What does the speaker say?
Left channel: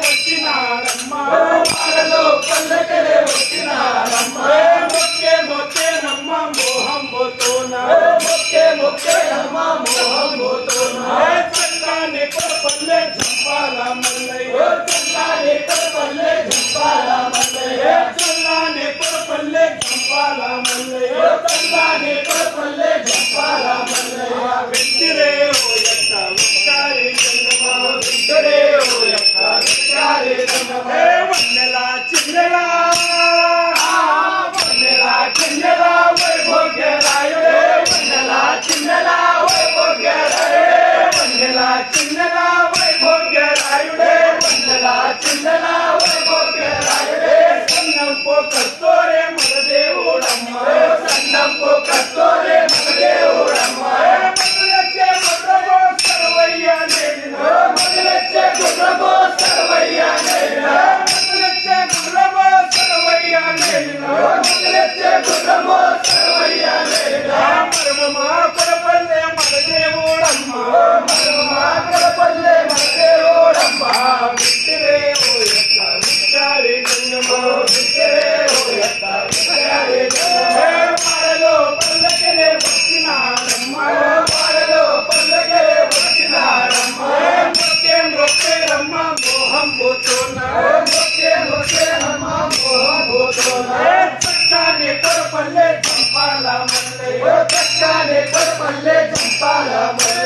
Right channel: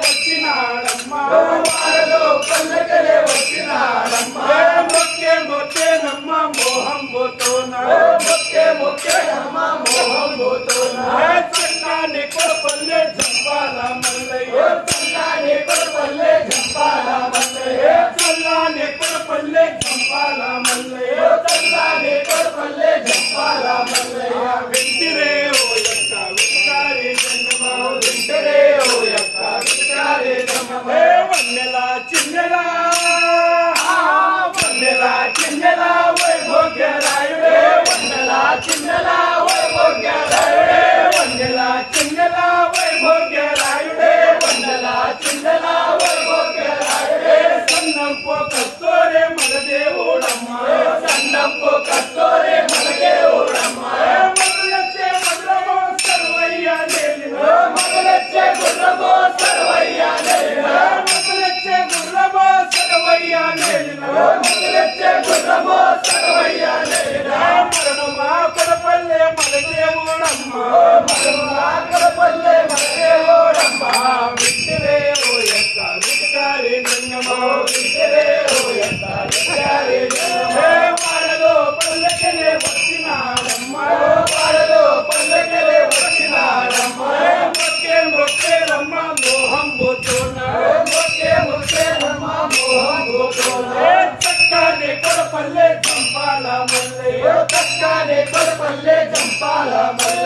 వచ్చినాడమ్మా వాడలో పల్లెకలే వచ్చినాడమ్మా మొక్కే మొక్కేనమ్మ మోహం పోతోనా మొక్కేనమ్మ మోహం పోతోనా చల్లాని కొడపల్లె జంపాల మల్లయ్య చల్లాని కొడపల్లె జంపాల మల్లయ్య చల్లాని కొడపల్లె జంపాల మల్లయ్య చల్లాని కొడపల్లె జంపాల మల్లయ్య వెంటిరే ఓ యక్క విచారి జన్మ వెంటిరే ఓ యక్క విచారి జన్మ వన్నెలా చిన్నెలా చిన్నెలా వైభోగ్యరాయుడే వన్నెలా చిన్నెలా వైభోగ్యరాయుడే వన్నెలా చిన్నెలా వైభోగ్యరాయుడే వన్నెలా చిన్నెలా వైభోగ్యరాయుడే సన్నంపో కస్తోరే మన దేవుడమ్మ సన్నంపో కస్తోరే మన దేవుడమ్మ మగలచ్చే గుడ్రమో సర్వయ్య నేలిన మగలచ్చే గుడ్రమో సర్వయ్య నేలిన మగలచ్చే గుడ్రమో సర్వయ్య నేలిన మగలచ్చే గుడ్రమో సర్వయ్య నేలిన మరణమా కొడపల్లె మన దేవుడమ్మ మరణమా కొడపల్లె మన దేవుడమ్మ విట్టిరే ఓ యక్క విట్టారి జన్మో విట్టిరే ఓ యక్క విట్టారి జన్మో వాడలో పల్లెకలే వచ్చినాడమ్మ వాడలో పల్లెకలే వచ్చినాడమ్మ మొక్కేనమ్మ మోహం పోతోనా మొక్కేనమ్మ మోహం పోతోనా చక్కాని కొడపల్లె జంపాల మల్లయ్య చక్కాని కొడపల్లె జంపాల మల్లయ్య